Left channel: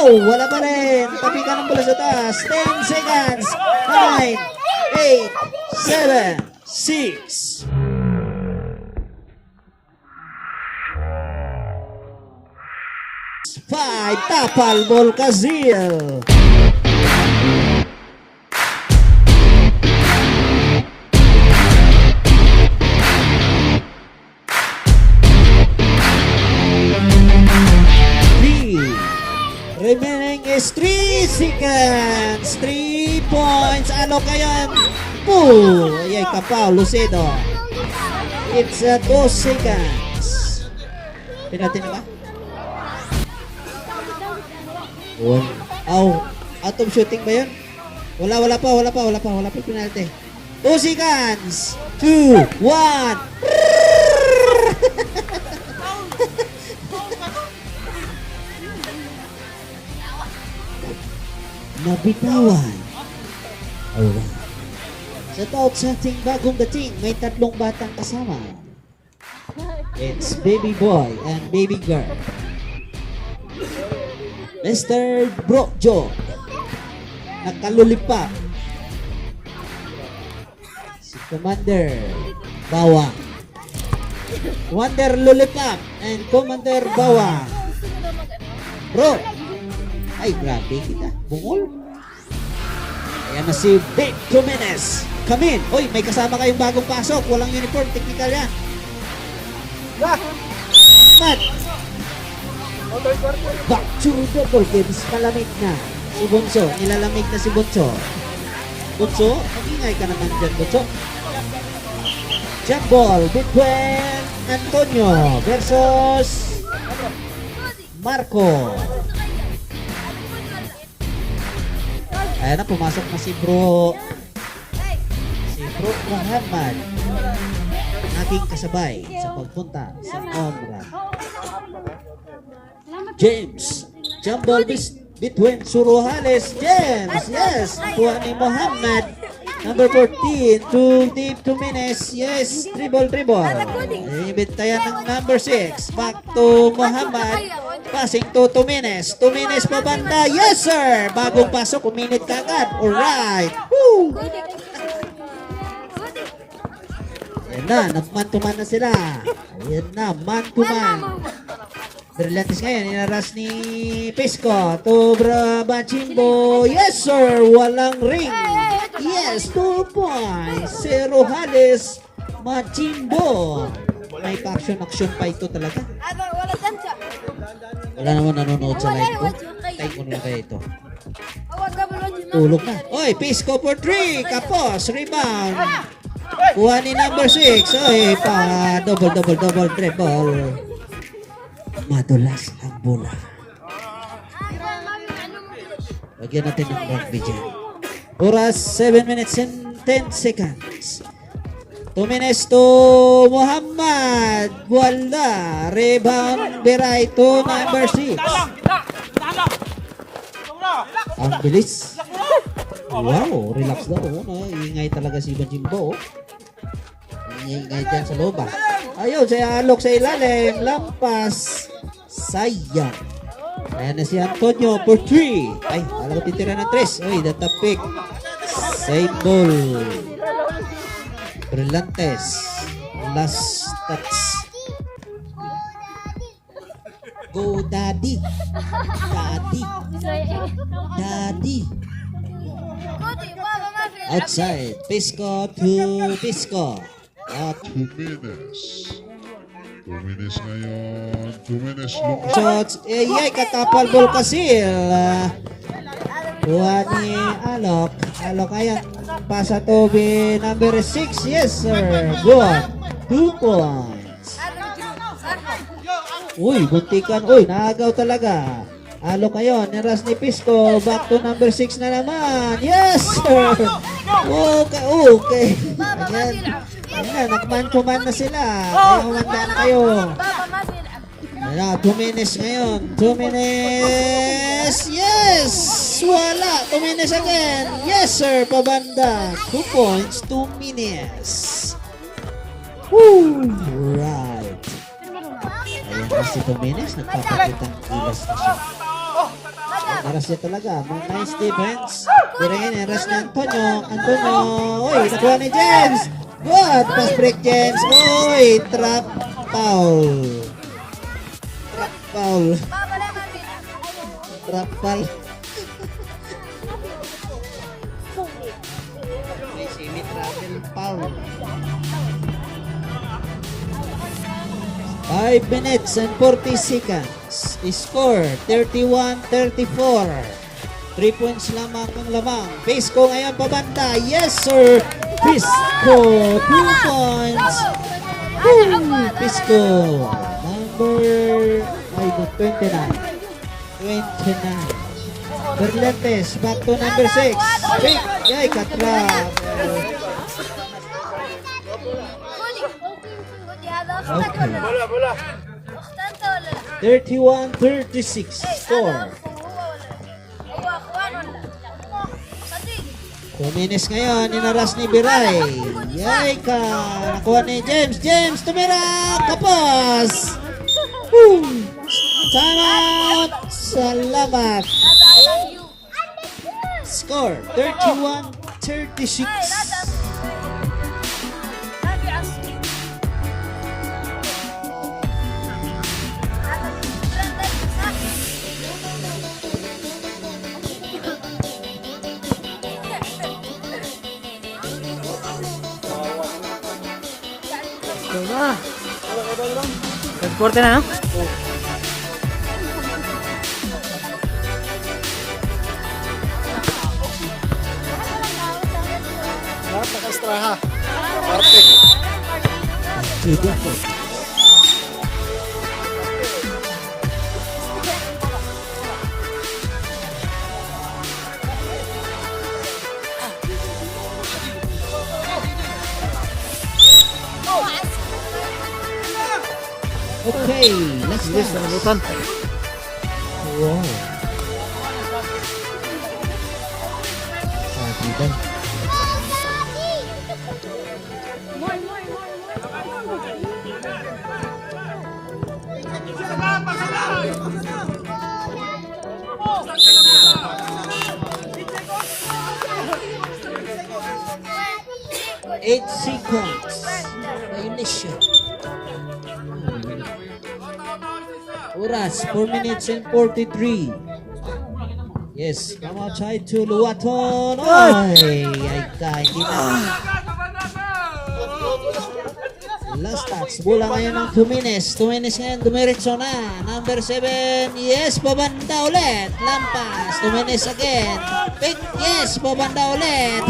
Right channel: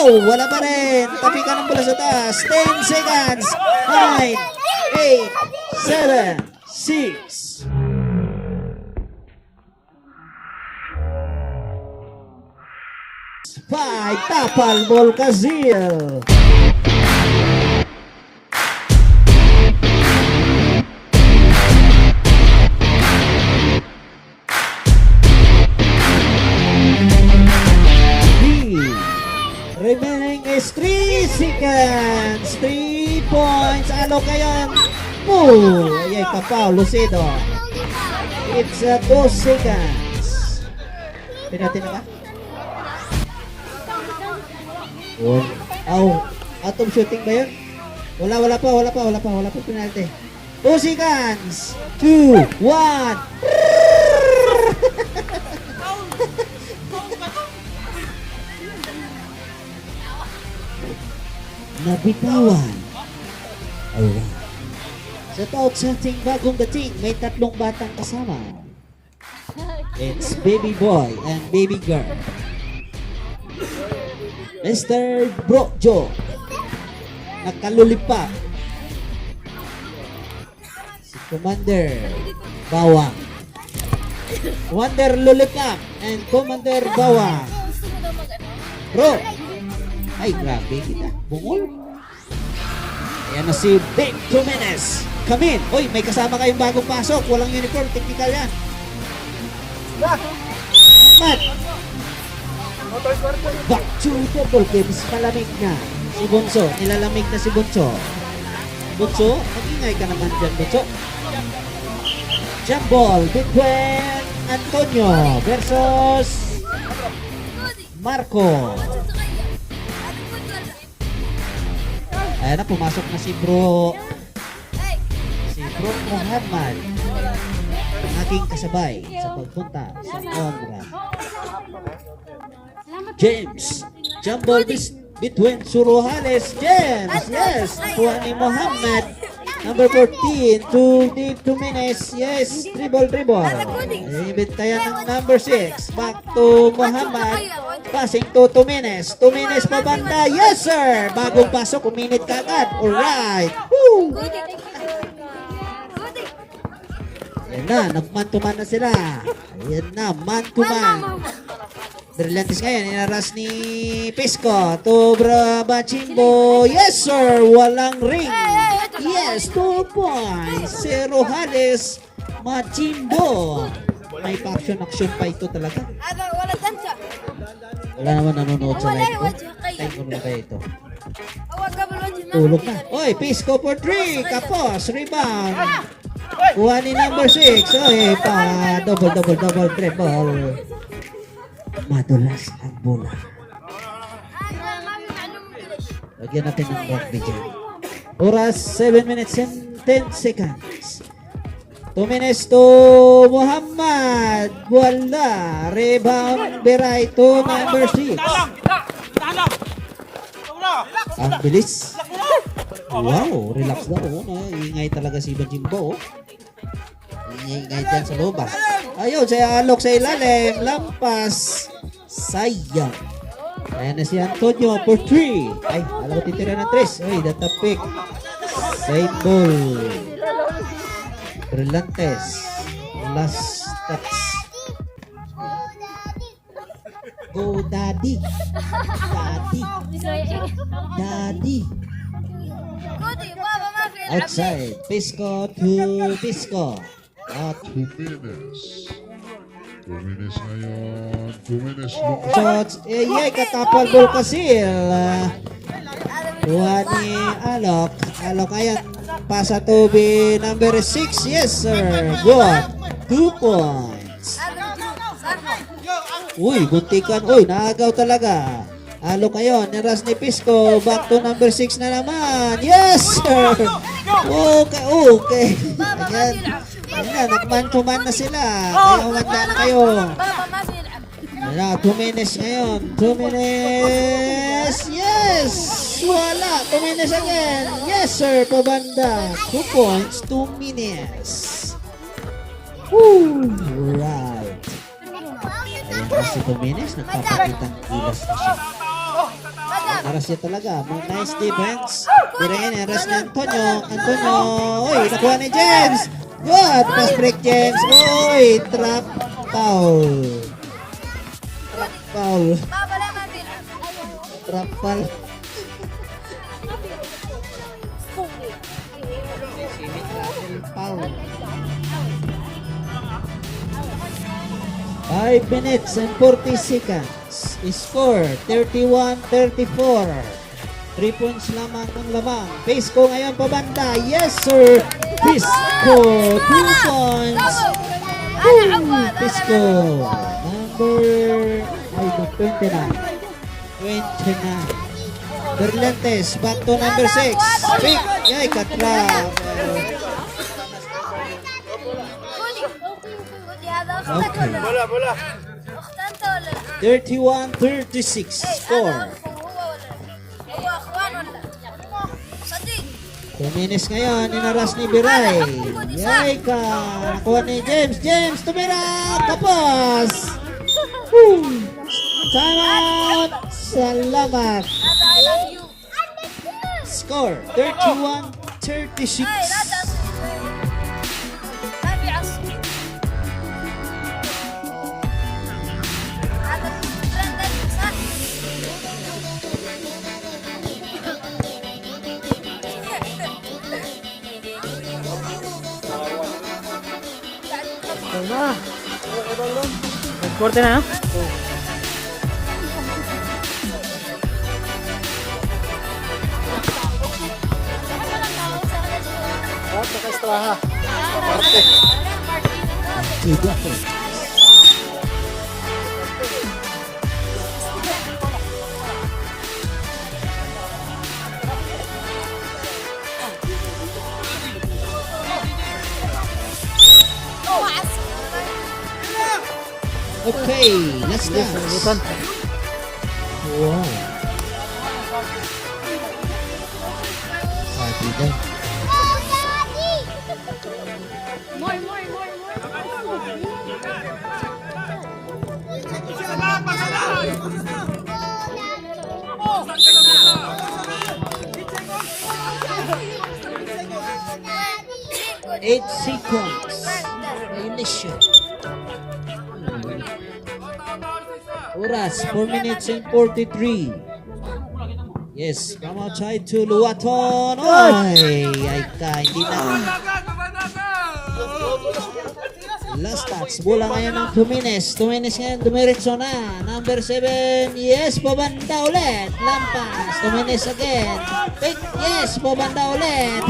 Wow, wala pa rin. Tapi ka ng bola sa taas. 10 seconds. 9, 8, 7, 6. Five, tapal ball Kazil. Remaining is 3 seconds. 3 points. Ano kaya? Oh, ay kapal, Lucido. It's 2 seconds. Pinatin na ba? Oh, out of shooting ba yun? Wala pa penalty. 2 seconds. 2, 1. Nabitawan. Alright. Sa taot sa ating bagong dating, may 3 batang kasama. It's baby boy and baby girl. Mr. Brojo. Nakalulipap. Si Commander Bawang. Commander Lulipap and Commander Bawang. Bro. Ay, grabe kita. Bungol. Ayan na si Dave Jimenez. Come in. Uy, may kasama kayong bagong pasok. Walang uniform. Technical yan. Mat. Back to the ball games. Malamig na. Si Bunso. Nilalamig na si Bunso. Bunso, mag-ingay ka naman dyan, Bunso. Jump ball between Antonio versus Marco. Ayan na, pumasok na si Bro Muhammad, ang aking kasabay sa pagpunta sa Omra. James, jump ball between Suruhales. James, yes, nakuha ni Muhammad. Number 14, to Dave Jimenez. Yes, dribble. Ibintayan ng number 6. Back to Muhammad. Passing to Jimenez. Jimenez pa banda. Yes, sir. Bagong pasok, uminit ka agad. Alright. Woo! Ayan na, nag-man-to-man na sila. Ayan na, man-to-man. Brillantes ngayon, inaras ni Pisco to Bachimbo. Yes, sir. Walang ring. Yes, 2 points. Zero Hales Machimbo. May action pa ito talaga. Wala naman nanonood sa live ko. Time ko na kaya ito. Tulog na. Oy, Pisco for 3. Kapos. Rebound. Kuha ni number 6. Oy, pa. Double dribble. Madulas ang bola. Lagyan natin ng rugby dyan. Oras 7 minutes and 10 seconds. 2 minutes to Muhammad. Wala. Rebound Beray to number 6. Ang bilis. Wow, relax daw. Ingay talaga si Bajimbo. Ingay dyan sa loob. Ayun, sa alok sa ilalim. Lampas. Sayang. Kaya na si Antonio for 3. Ay, alam ko titira ng 3. Ay, datapik. Side ball. Brillantes. Last touch. Go daddy. Outside. Pisco to Pisco. At 2 minutes. 2 minutes ngayon. 2 minutes. Shots. Kakapal ball kasi. Kuha ni Alok. Alok ayan. Pasa to be number 6. Yes, sir. Good. 2 points. Uy, buntikan. Uy, naagaw talaga. Alok ngayon. Naras ni Pisco. Back to number 6 na naman. Yes, sir. Okay. Ayan. Ayan, nagman-to-man na sila. Kaya umanda na kayo. Ayan, 2 minutes ngayon. 2 minutes. Yes! Wala. 2 minutes again. Yes, sir. Pabanda. 2 points. 2 minutes. Woo! Right. Ayan kasi 2 minutes. Nagpapakitang kilas kasi. Aras niya talaga. May nice defense. Tirahin, aras ni Antonio. Antonio. Uy, nakuha ni James. Good. Pass break, James. Uy, trap foul. Trap foul. Trap foul. Foul. 5 minutes and 40 seconds. Score 31-34. 3 points lamang ang lamang. Pisco ngayon pabanda. Yes sir. Pisco 2 points. Pisco number 29. Berlantes back to number 6. Big. Yay, katrap. Okay. 31-36 score. 2 minutes ngayon, inaras ni Biray. Yay ka! Nakuha ni James. James, tumira! Kapos! Salamat! Salamat! Score 31-36. Na. Transporte na, no? Extra. Arte. Sudah po. Okay, let's go. Buton. Wow. Sabi daw. Eight seconds. Violation. Oras, 4 minutes and 43. Yes, Humataw to Luaton. Ay ka, hindi na. Last touch, bola ngayon ng 2 minutes. 2 minutes ngayon, dumiretso na. Number 7, yes, babanda ulit. Lampas, 2 minutes again. Wait, yes, babanda ulit.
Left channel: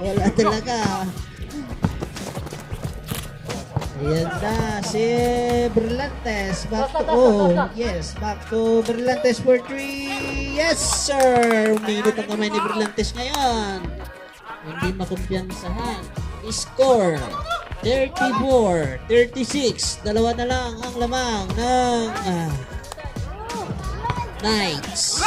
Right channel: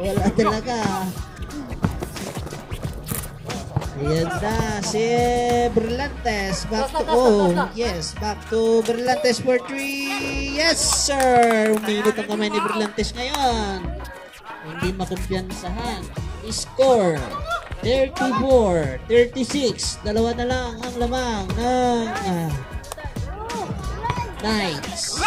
Wala talaga. Ayan na, si Berlantes. Back to, yes, back to Berlantes for 3. Yes, sir. Uminit ang kamay ni Berlantes ngayon. Hindi makumpiyansahan. Score 34-36. Dalawa na lang ang lamang ng Knights.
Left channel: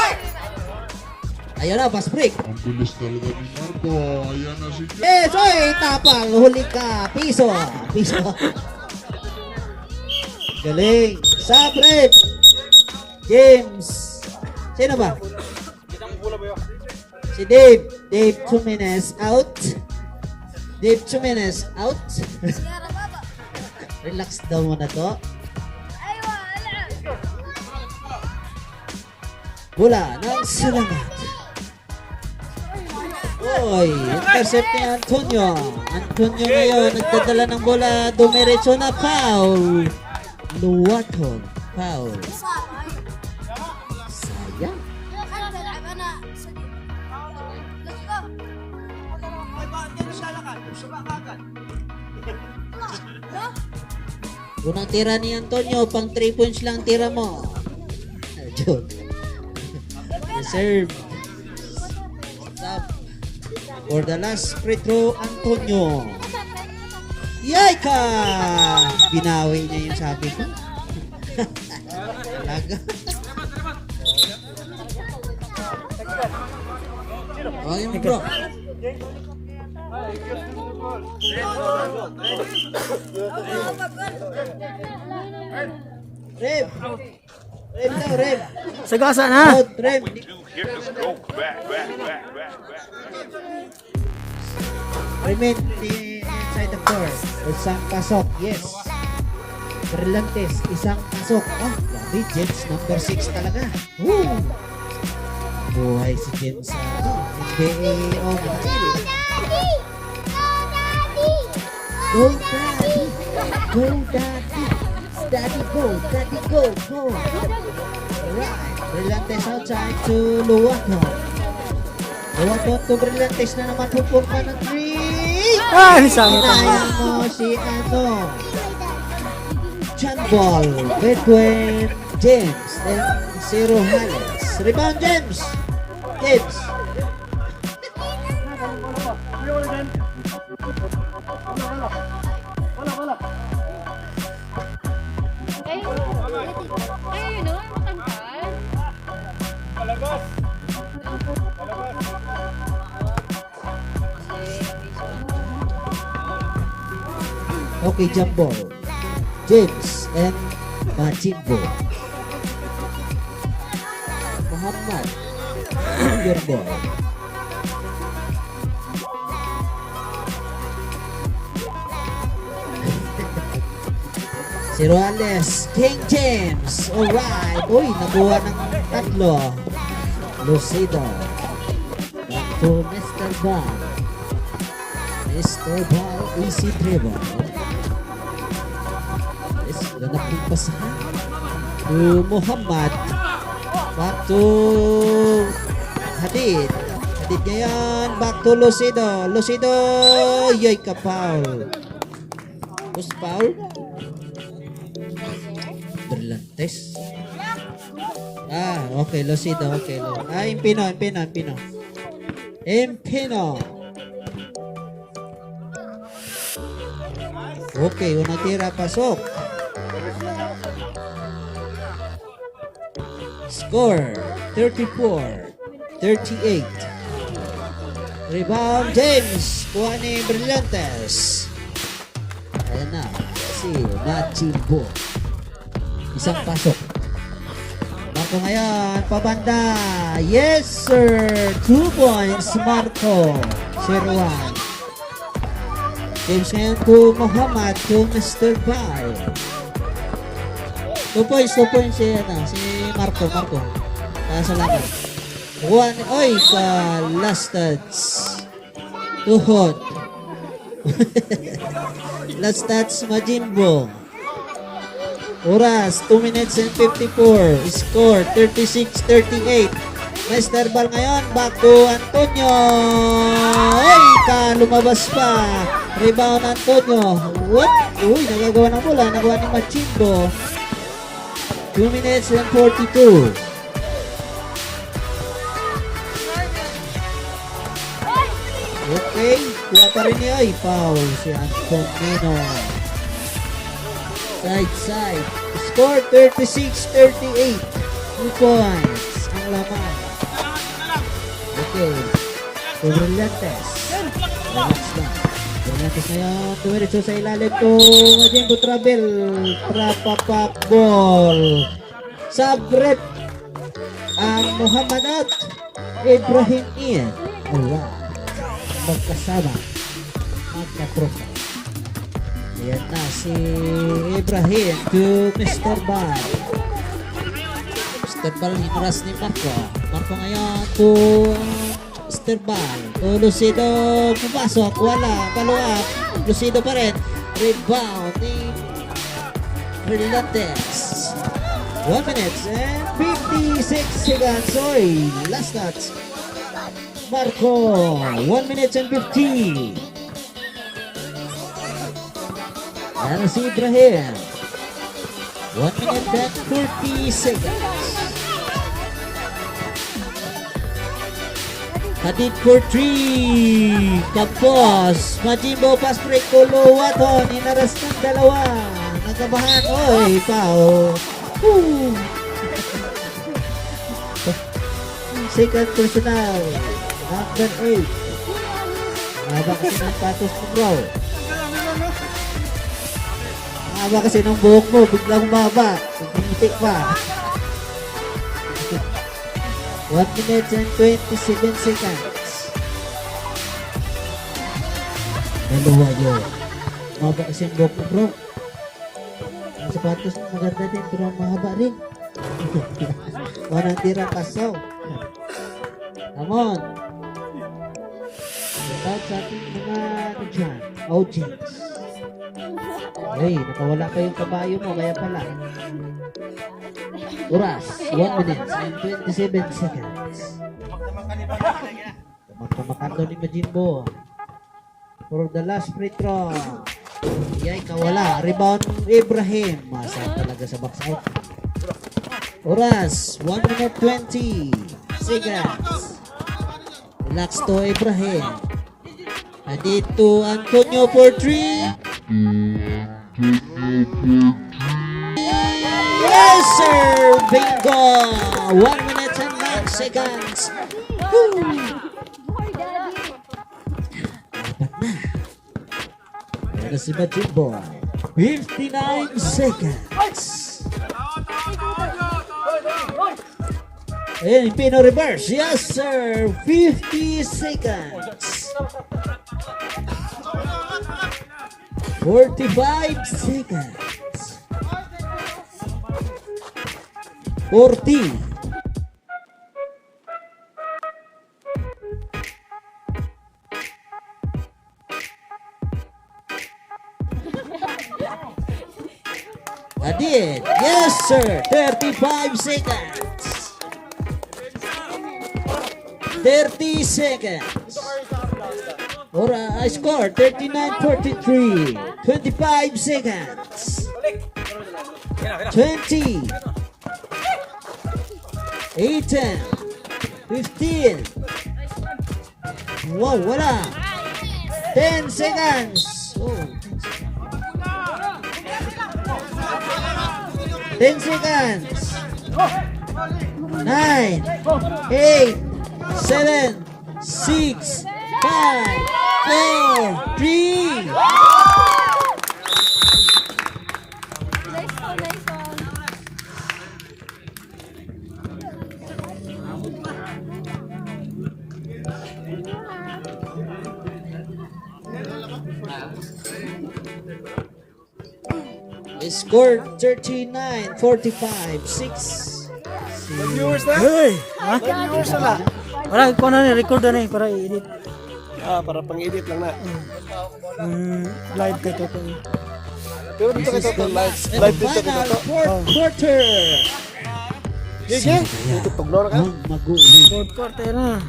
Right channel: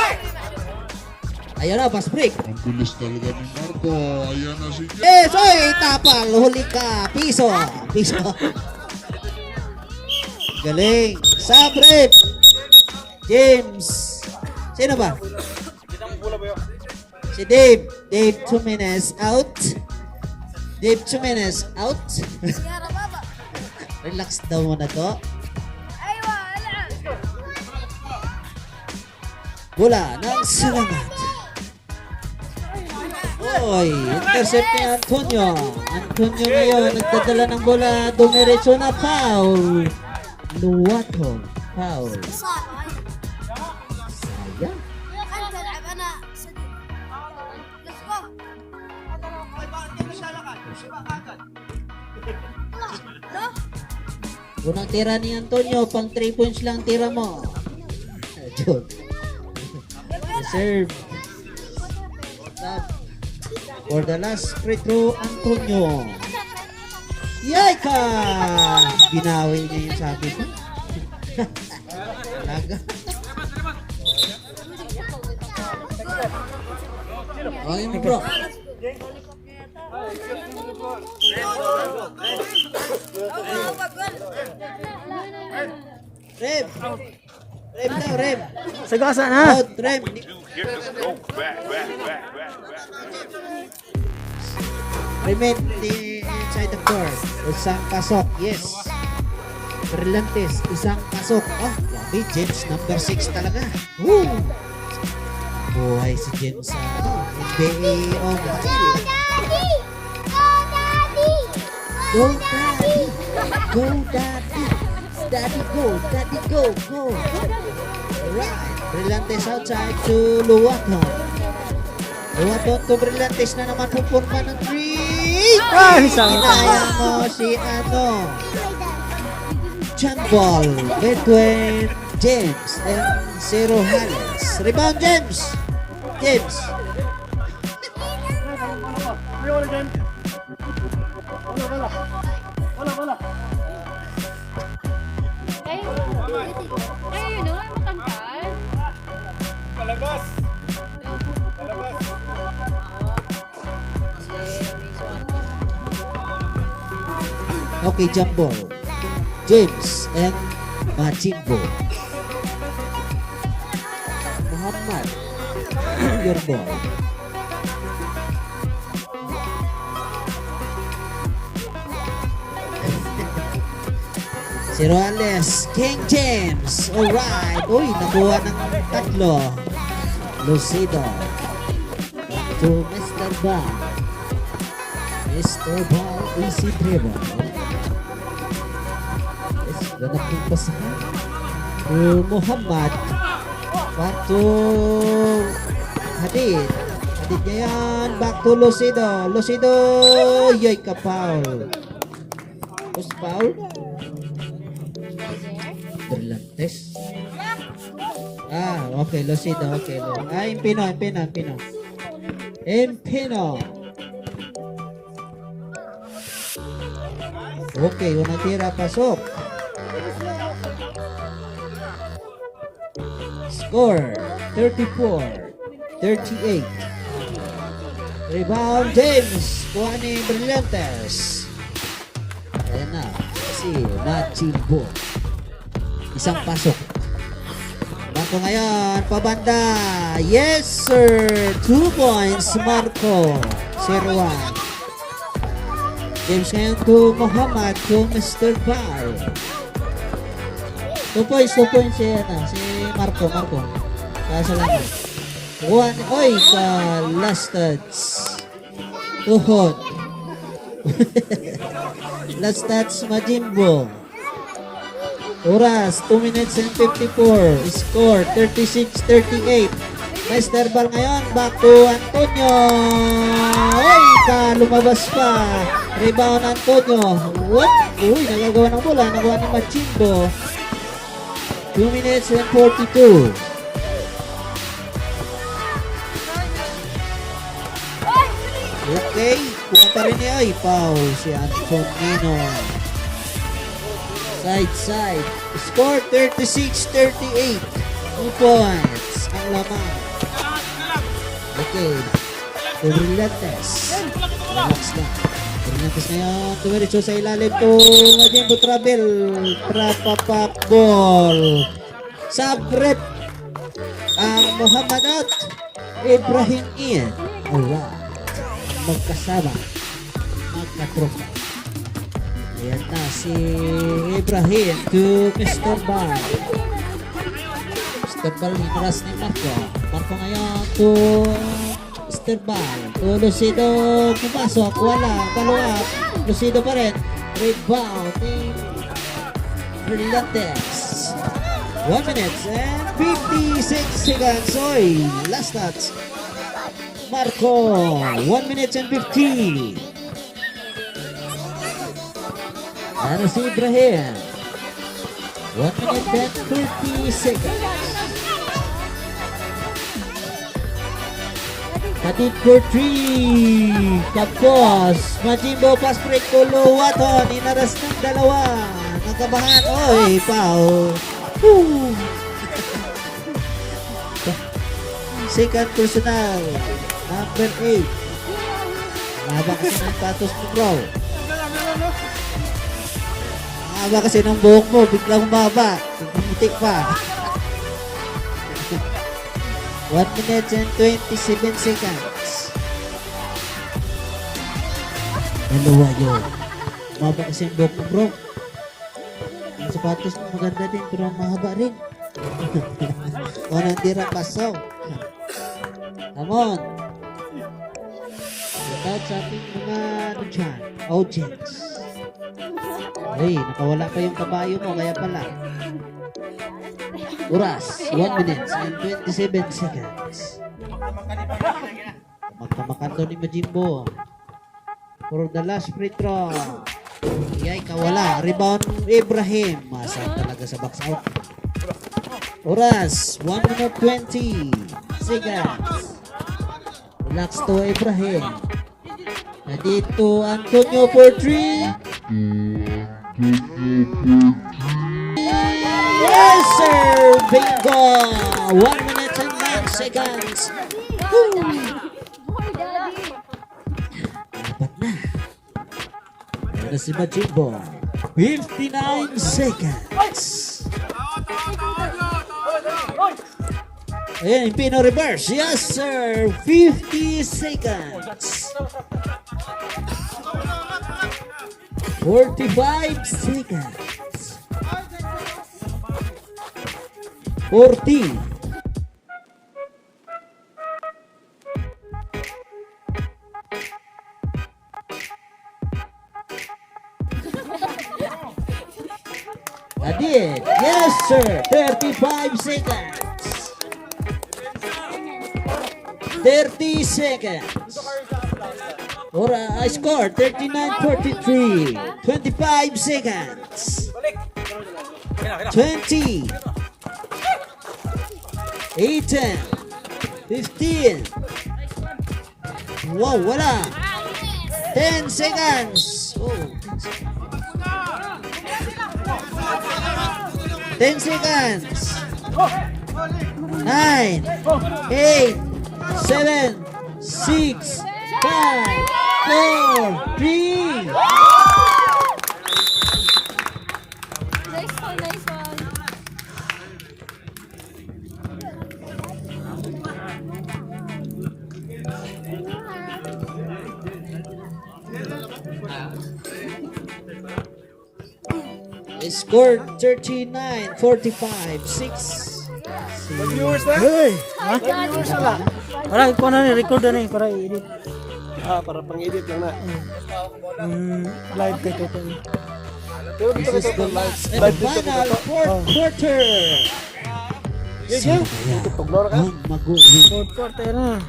Ayan na, pass break. Ang bilis talaga ni Marta. Ayan na si Yes, oy, tapal. Huli ka. Piso. Piso. Galing. Sabrip. James. Sino ba? Si Dave. Dave Jimenez out. Dave Jimenez out. Relax daw muna to. Bola ng Salamat. Oy, intercept ni Antonio. Antonio ngayon, nagdadala ng bola. Dumiretso na foul. Luwaton. Foul. Sayang. Unang tira ni Antonio, pang 3 points lang tira mo. Joke. Reserve. Stop. For the last free throw, Antonio. Yay ka! Binawi niya yung sabi ko. Talaga. Ayun bro. Rep. Rem daw, rem. Sagasa na. Out, rem. Here's go back. Remain inside the court. Isang pasok, yes. Brillantes, isang pasok. Ah, grabe, James, number 6 talaga. Woo! Buhay si James. NBA on the field. Go, Daddy! Go, Daddy! Daddy, go! Daddy, go! Go! Alright, Brillantes outside to Luwakon. Luwakon to Brillantes na naman pupunta ng 3. Ah, isang Kinaya mo si John Ball between James and Zero Hannes. Rebound, James! James! Okay, jump ball. James and Majimbo. Muhammad, your ball. Si Roales, King James. Alright. Uy, nakuha ng tatlo. Lucido. Back to Mr. Ball. Mr. Ball, easy dribble. Ganapin pa siya. To Muhammad. Back to Hadid. Hadid niya yan. Back to Lucido. Lucido. Yoy ka foul. Who's foul? Berlantes. Ah, okay. Lucido. Okay. Ah, Impino. Okay, unang tira. Pasok. Score 34-38. Rebound James. Kuha ni Brillantes. Ayan na. Si Machimbo. Isang pasok. Marco ngayon. Pabanda. Yes sir. 2 points. Marco. 0-1. James ngayon to Muhammad. To Mr. Bar. 2 points si Marco. Salamat. Oy, sa last touch. Tuhod. Last touch, Majimbo. Oras, 2 minutes and 54. Score, 36-38. Mr. Ball ngayon, back to Antonio. Ay, lumabas pa. Rebound Antonio. What? Uy, nagagawa ng bola. Nagawa ni Majimbo. 2 minutes and 42. Okay, kuha pa rin niya. Ay, foul si Antonino. Side. Score 36-38. 2 points. Ang laman. Okay. Brillantes. Relax na. Brillantes na yan. Dumiretso sa ilalim to. Majimbo travel. Trapapak ball. Sabrep. Muhammad out. Ibrahim in. Alright. Magkasama. Magkatropa. Ayan na si Ibrahim to Mr. Ball. Mr. Ball inuras ni Marco. Marco ngayon to Mr. Ball. To Lucido pumasok. Wala. Paluat. Lucido pa rin. Rebound ni Brillantes. 1 minute and 56 seconds. Oy, last touch. Marco. 1 minute and 50. Ano si Ibrahim? 1 minute and 50 seconds. Hadid for 3. Tapos, Majimbo pass break ko Luwaton. Inaras ng dalawa. Nagkabahan. Oy, foul. Woo! Second personal. Number 8. Haba kasi ng patos mo, bro. Haba kasi ng buhok mo. Biglang baba. Tignitik pa. 1 minute and 27 seconds. Dalawa yun. Maba kasi yung buhok mo, bro. Ang sapatos mo maganda din, pero mahaba rin. Walang tirang pasaw. Come on. Shout sa ating mga ano dyan, audience. Uy, nakawala pa yung kabayo mo, kaya pala. Oras, 1 minute and 27 seconds. Magpamakando ni Majimbo. For the last free throw. Iyay, kawala. Rebound Ibrahim. Masarap talaga sa box out. Oras, 1 minute 20 seconds. Relax to Ibrahim. Dito Antonio for 3. Yes, sir! Bingo! 1 minute and 9 seconds. Woo! Apat na. Pero si Majimbo. 59 seconds. And Pino reverse. Yes, sir. 50 seconds. 45 seconds. 40. I did. Yes, sir. 35 seconds. 30 seconds. Or I scored 39-43. 25 seconds. 20. 18. 15. Wow, wala. 10 seconds. Oh. 10 seconds. 9, 8, 7, 6, 5, 4, 3. They scored 39-45, 6. Viewers na? Hey! Ha? Viewers na. Para ko na record na rin para i-edit. Para pang-edit lang na. Live kay Toto. This is the last and final fourth quarter. Ang maguling Fourth quarter na.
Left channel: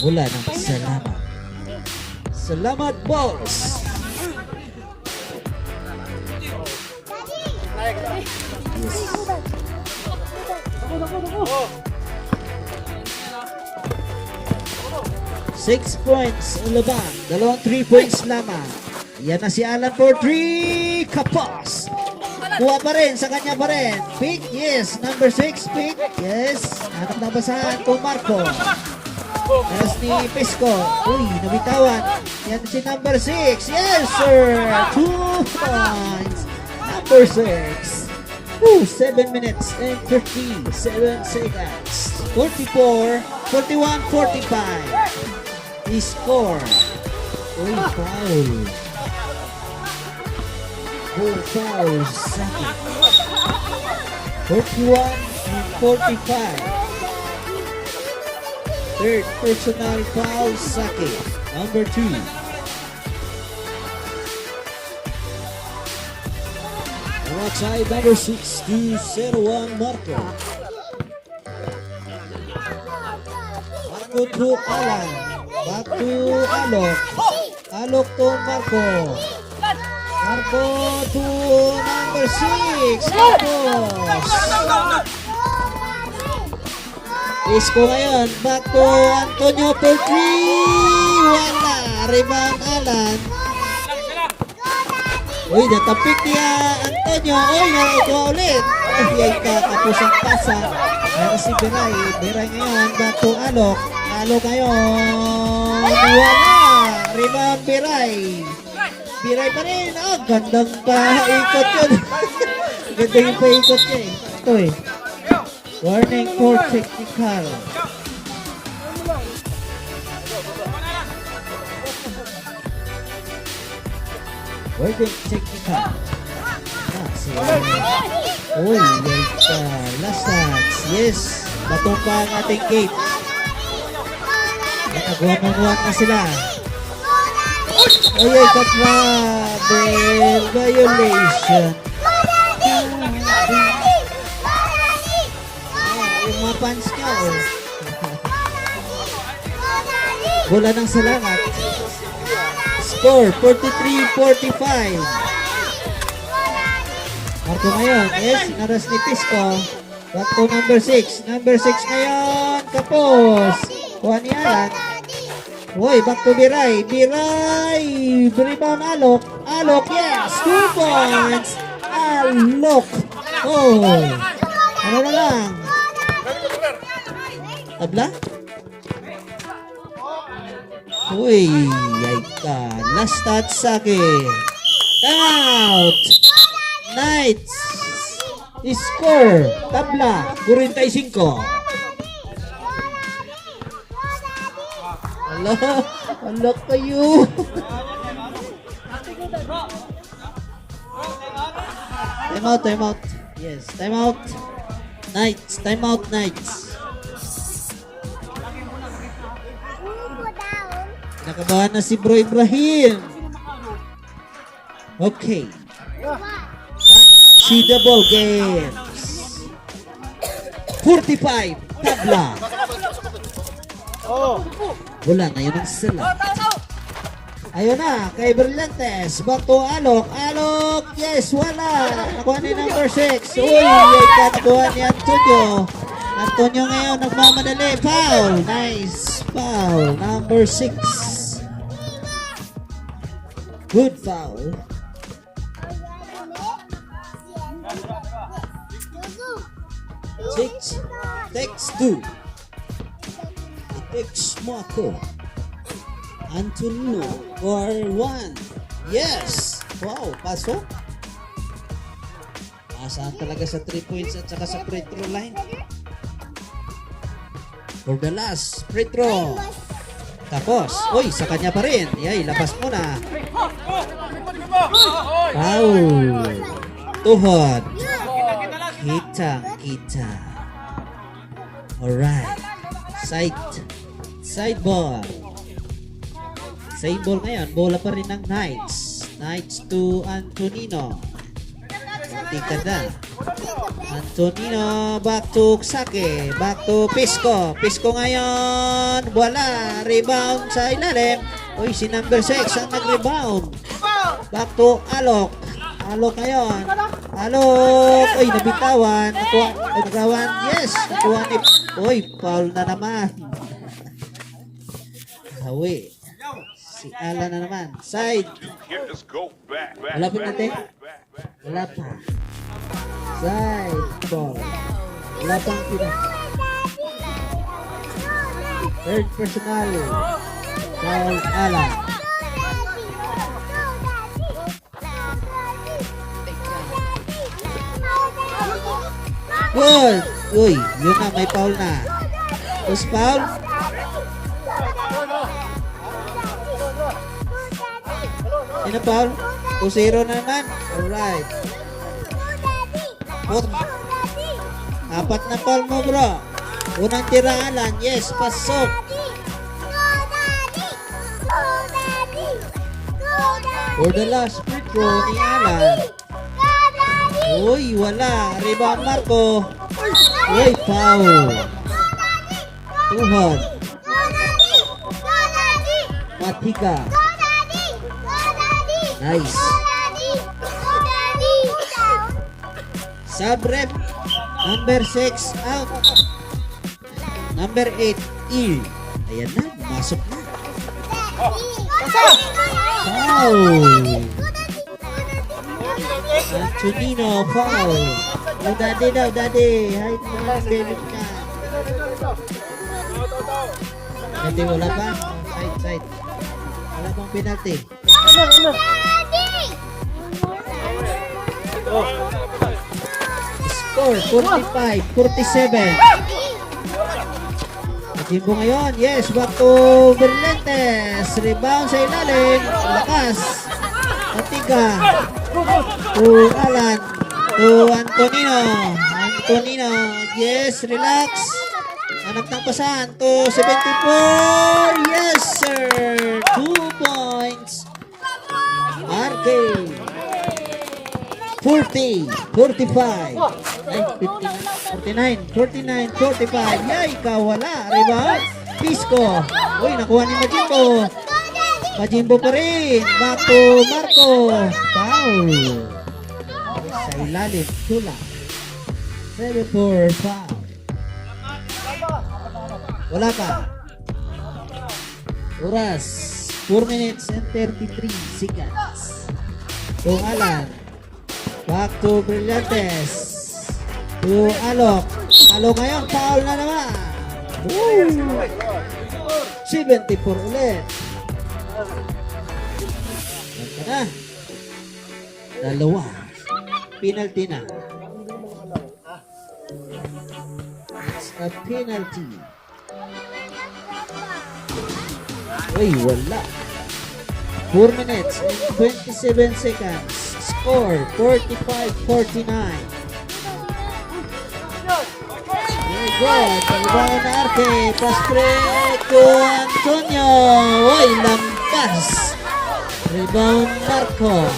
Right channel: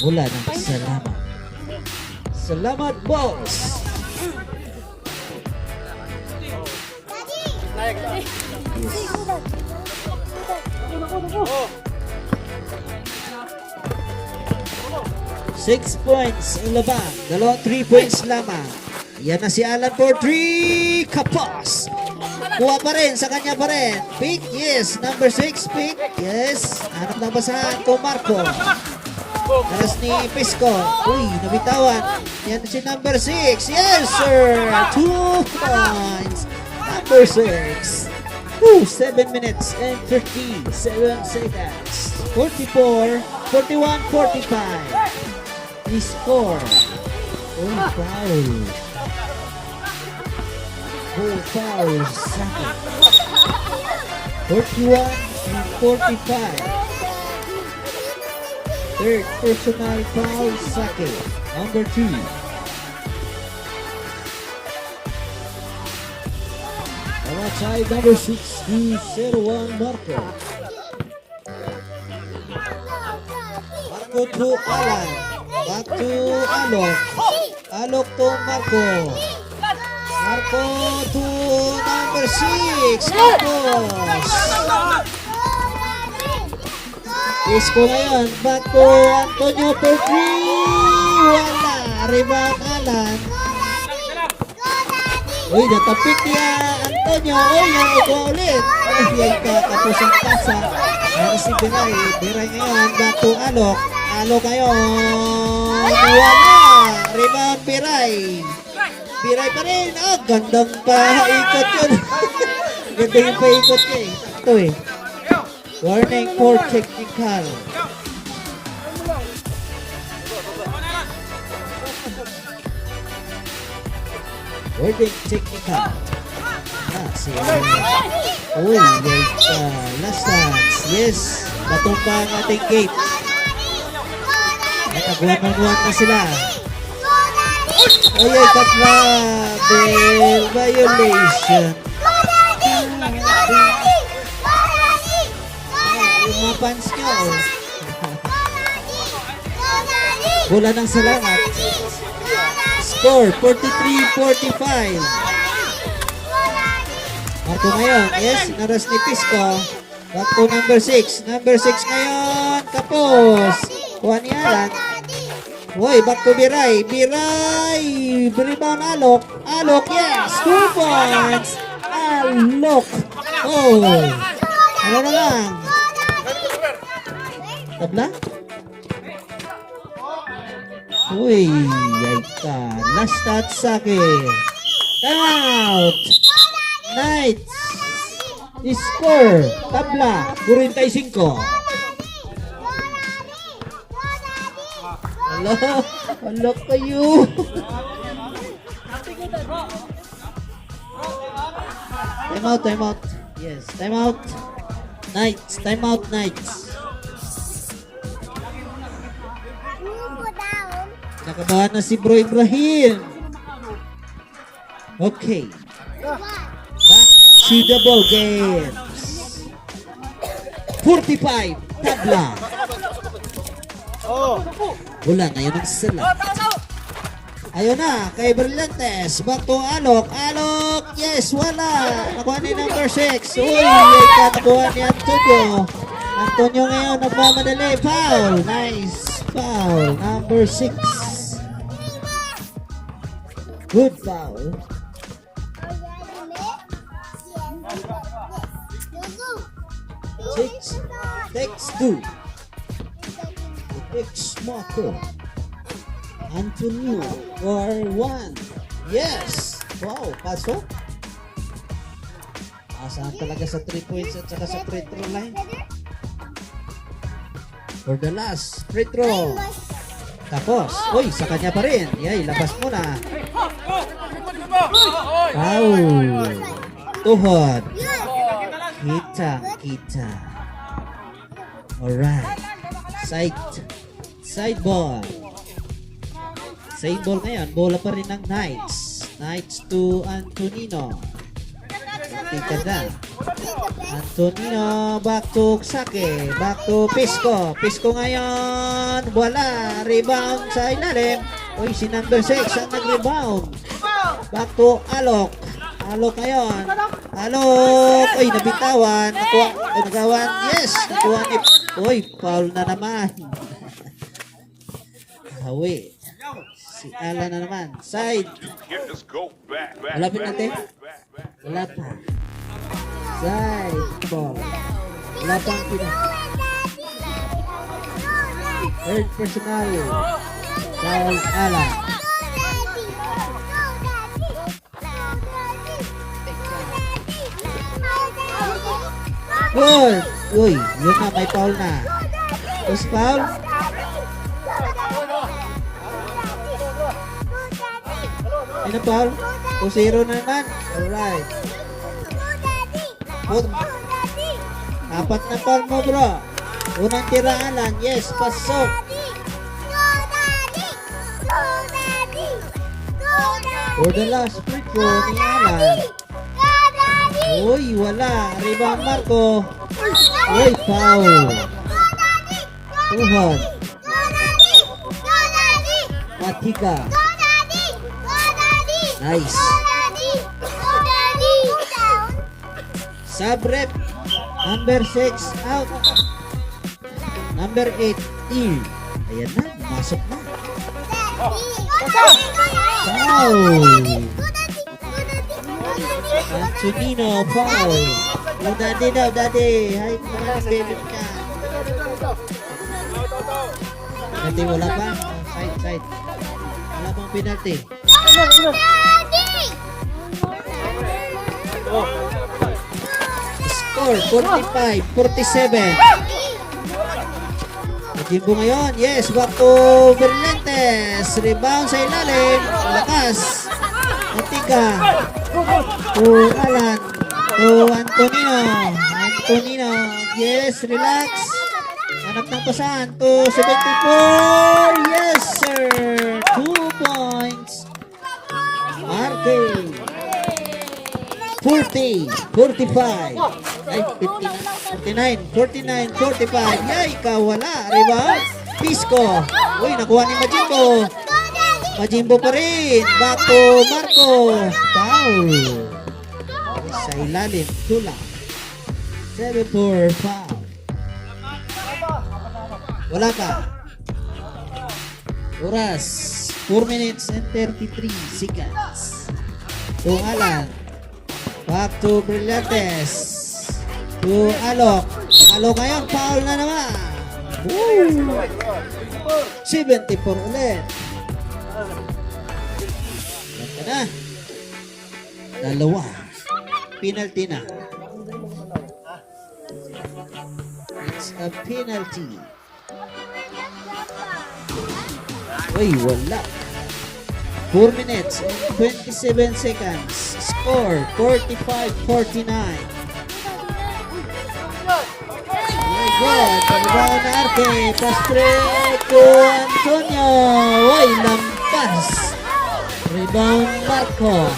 mula ng Salamat. Salamat, boss! Yes. Six points ang laban. 3 points lamang. Yan na si Alan for 3. Kapos. Kuha pa rin. Sa kanya pa rin. Pick. Yes. Number 6. Pick. Yes. Anak na basahan ko Marco. Tapos ni Pisco. Uy, nabitawan. Yan si number 6. Yes, sir. 2 points. Number 6. 7 minutes and 57 seconds. 44, 41, 45. He scored. Uy, foul. Foul. Second. 41 and 45. Third personal foul, second. Number 2. Right side, number 6201, Marco. Marco to Alan. Back to Alok. Alok to Marco. Marco to number 6. Marcos. Pisco ngayon. Back to Antonio for 3. Wala. Rebound Alan. Uy, natapik niya Antonio. Uy, ikaw ulit. Ay, tapos ang pasa. Si Biray. Biray ngayon. Back to Alok. Alok ngayon. Wala. Rebound Biray. Biray pa rin. Ah, gandang paikot yun. Gandang yung paikot niya eh. Ito eh. Warning for technical. Warning technical. Uy, yay ka. Last touch. Yes. Batong pa ang ating gate. Nakagwan-one na sila. Uy, katrabe. Violation. Yung mga fans niya, oh. Bola ng Salamat. Score, 43-45. Ito ngayon, yes, naras ni Pisco. Back to number 6. Number 6 ngayon, Kapos. Kuha ni Alan. Uy, back to Biray. Biray! Rebound Alok. Alok, yes! 2 points! Alok! Oh! Ano na lang? Tabla? Uy, yay ka. Last touch sa akin. Out! Knights! Score! Tabla! 45. Hala! Hala kayo! Time out, time out. Yes, time out. Knights, time out, Knights. Nakabahan na si Bro Ibrahim. Okay. Back to the ball games. 45. Tabla. Wala ngayon ang sila. Ayun na, kay Berlantes. Back to Alok. Alok. Yes, wala. Nakuha ni number 6. Uy, ay nakuha ni Antonio. Antonio ngayon nagmamadali. Foul. Nice. Foul. Number 6. Good foul. Takes 2. Takes Marco. Antonio or 1. Yes. Wow, pasok. Asahan talaga sa 3 points at saka sa free throw line. For the last free throw. Tapos, uy, sa kanya pa rin. Yay, labas mo na. Wow. Tuhod. Kita. Alright. Side ball. Side ball ngayon. Bola pa rin ng Knights. Knights to Antonino. Tingnan na. Antonino back to Sake. Back to Pisco. Pisco ngayon. Wala. Rebound sa ilalim. Uy, si number 6 ang nag-rebound. Back to Alok. Alok ngayon. Alok. Uy, nabitawan. Nabitawan. Yes. Nakuha ni... Uy, foul na naman. Hawi. Si Alan na naman. Side. Let's go back. Wala pa natin? Wala pa. Side ball. Wala pang pina. Third personal. Foul Alan. Good. Uy, yun na, may foul na. Post foul. Ano foul? 2-0 naman. Alright. Apat na foul mo, bro. Unang tira, Alan. Yes, pasok. For the last free throw ni Alan. Uy, wala. Rebound Marco. Uy, foul. Tuhod. Matika. Nice. Sub-rep. Number 6 out. Number 8 in. Ayan na. Masok na. Foul. Antonino, foul. Oh, daddy daw, daddy. Hay, bilin ka. Daddy, wala pa. Side. Wala pang penalty. Score, 45-47. Jimbo ngayon. Yes, back to Berlantes. Rebound sa ilalim. Lakas. Matiga. To Alan. To Antonino. Antonino. Yes, relax. Hanap ng pasan. To 74. Yes, sir. 2 points. Arcade. 40, 45, ay, 59, 45, yay, kawala, rebound, Pisco, uy, nakuha ni Majimbo, Majimbo pa rin, back to Marco, foul, sa ilalim, tulak, 7-4, foul, wala pa, oras, 4 minutes and 33 seconds, kung Alan, back to Brillantes. To Alok. Alok ngayon, foul na naman. Woo! 74 ulit. Yan na. Dalawa. Penalty na. It's a penalty. Uy, wala. 4 minutes and 27 seconds. Score 45-49. My God, rebound na Arke. Pastrek to Antonio. Uy, lampas. Rebound Marco.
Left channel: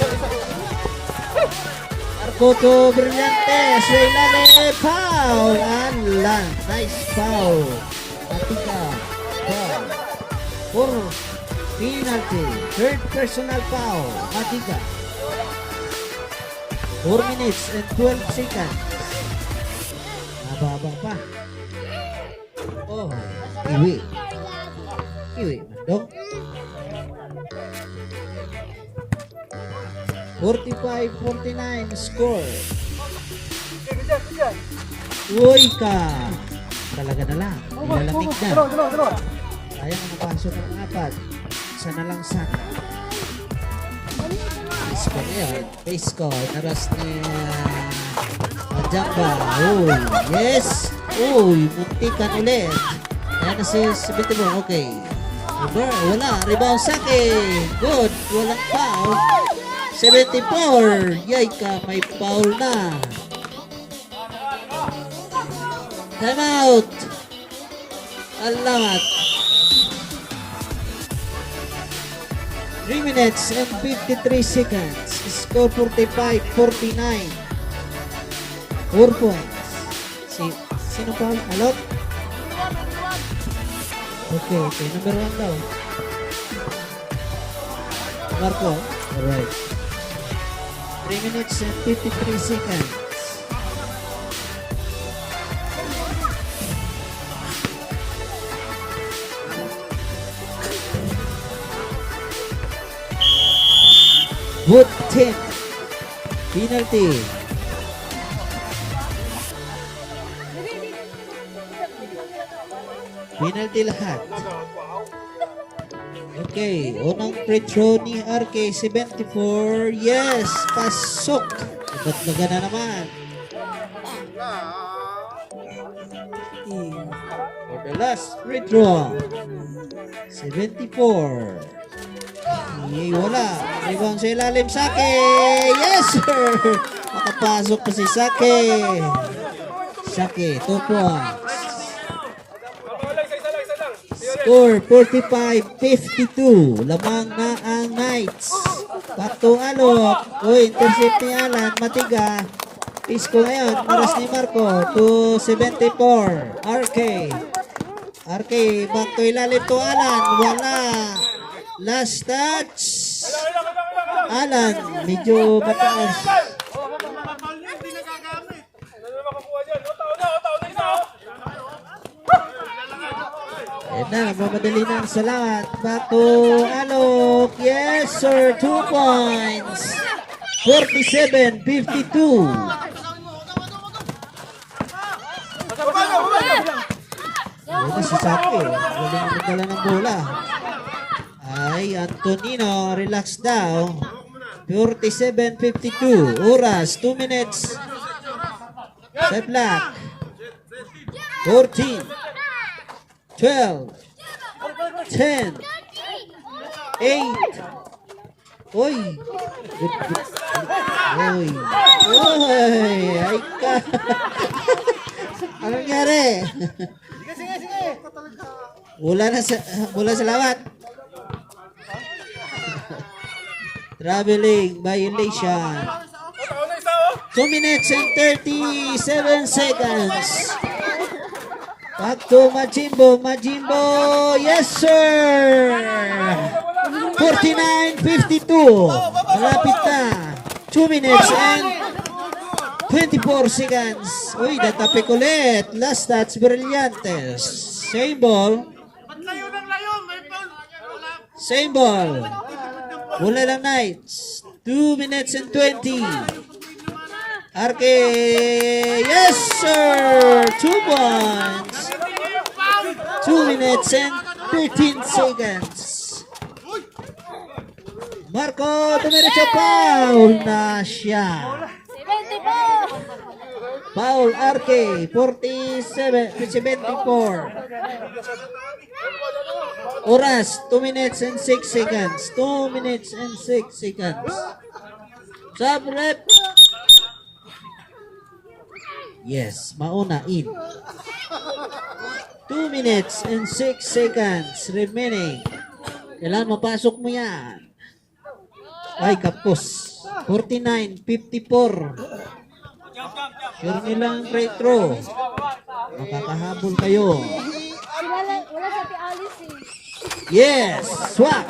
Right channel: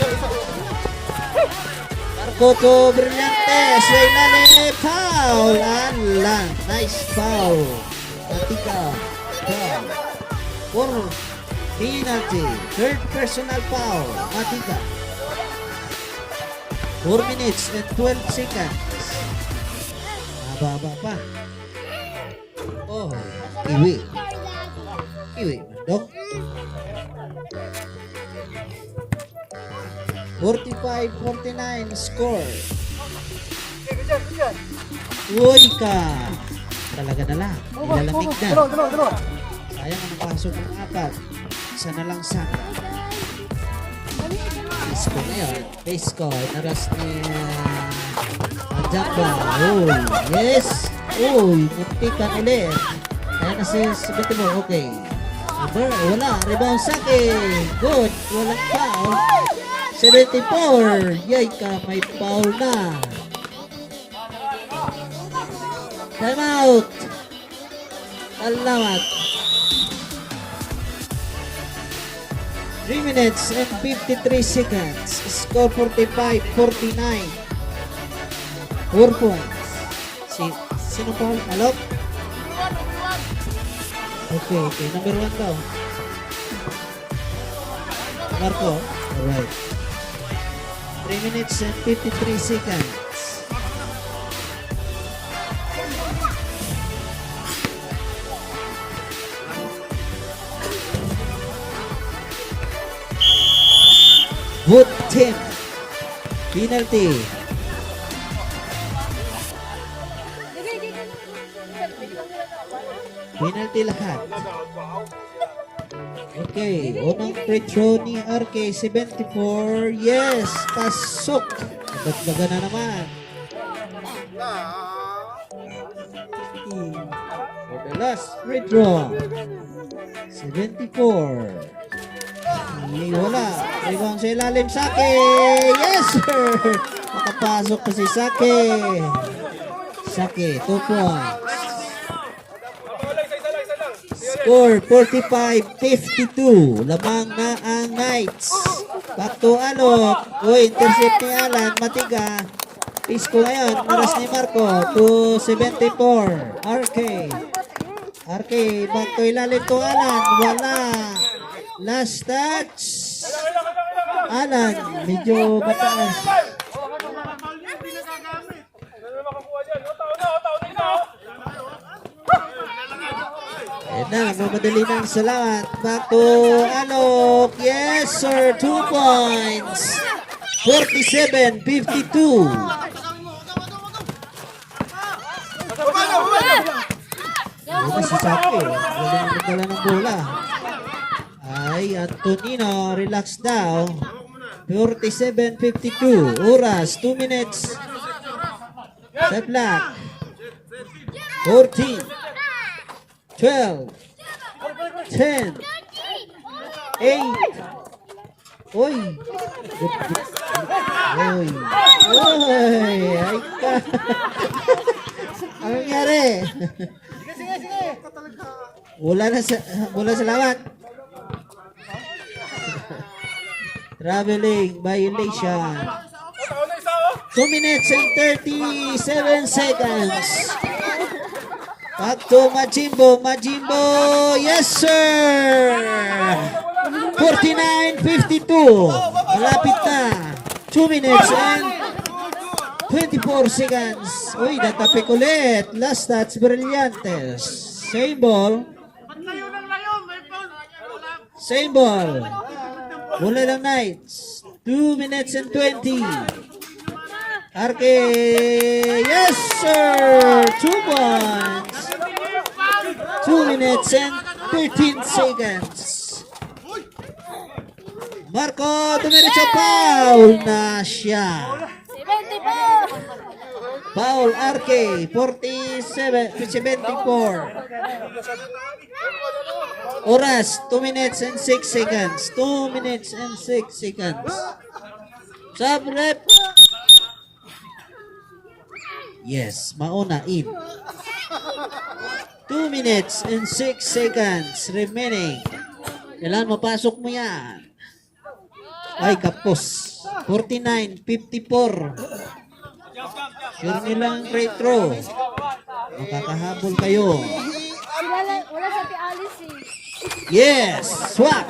Marco to Brillantes. Waylane, foul. Alan, nice foul. Matika, foul. Penalty. Third personal foul. Matika. 4 minutes and 12 seconds. Mababa pa. Oh, iwi. Iwi, mandong. 45-49 score. Uy ka. Talaga na lang. Nilalamig na. Sayang ang pasok ng 4. Isa na lang sana. Pisco ngayon. Pisco. Naras ni Jamba. Oh, yes. Uy, muntikan ulit. Ayan na si Sabitibo. Okay. Wala. Rebound sa akin. Good. Walang foul. 74. Yay ka. May foul na. Time out. Salamat. 3 minutes and 53 seconds. Score 45-49. 4 points. Sino pa? Alok? Okay. Number 1 daw. Marco. Alright. 3 minutes and 53 seconds. Good team. Penalty. Penalty lahat. Okay, unang free throw ni RK 74. Yes, pasok. Nagdaga na naman. For the last free throw. 74. Ay, wala. Rebound sa ilalim, Sake. Yes, sir. Nakapasok pa si Sake. Sake, 2 points. Score 45-52. Lamang na ang Knights. Back to Alok. Uy, intercept ni Alan. Matiga. Pisco ngayon. Oras ni Marco. To 74. RK. RK. Back to ilalim to Alan. Wala. Last touch. Alan. Medyo mataas. Ayan na, nagmamadali ng Salamat. Back to Alok. Yes, sir. 2 points. 47-52. Ayan na si Saki. Galing magdala ng bola. Ay, Antonino, relax daw. 47-52. Oras, 2 minutes. Step lock. 14. 12. 10. 8. Uy. Uy. Uy. Ay ka. Ano nangyari? Wala salamat. Traveling violation. 2 minutes and 37 seconds. Back to Majimbo. Majimbo, yes sir! 49-52. Malapit na. 2 minutes and 24 seconds. Uy, natapik ulit. Last touch, brillantes. Same ball. Same ball. Wala lang Knights. 2 minutes and 20. Arke, yes sir! 2 points. 2 minutes and 13 seconds. Marco, dumiretso foul na siya. Foul Arke, 74. Oras, 2 minutes and 6 seconds. 2 minutes and 6 seconds. Sub rep. Yes, mauna in. 2 minutes and 6 seconds remaining. Kailangan mapasok mo yan. Ay, kapos. 49-54. Sure nilang great throw. Makakahabol kayo. Wala sa Alice eh. Yes, swak.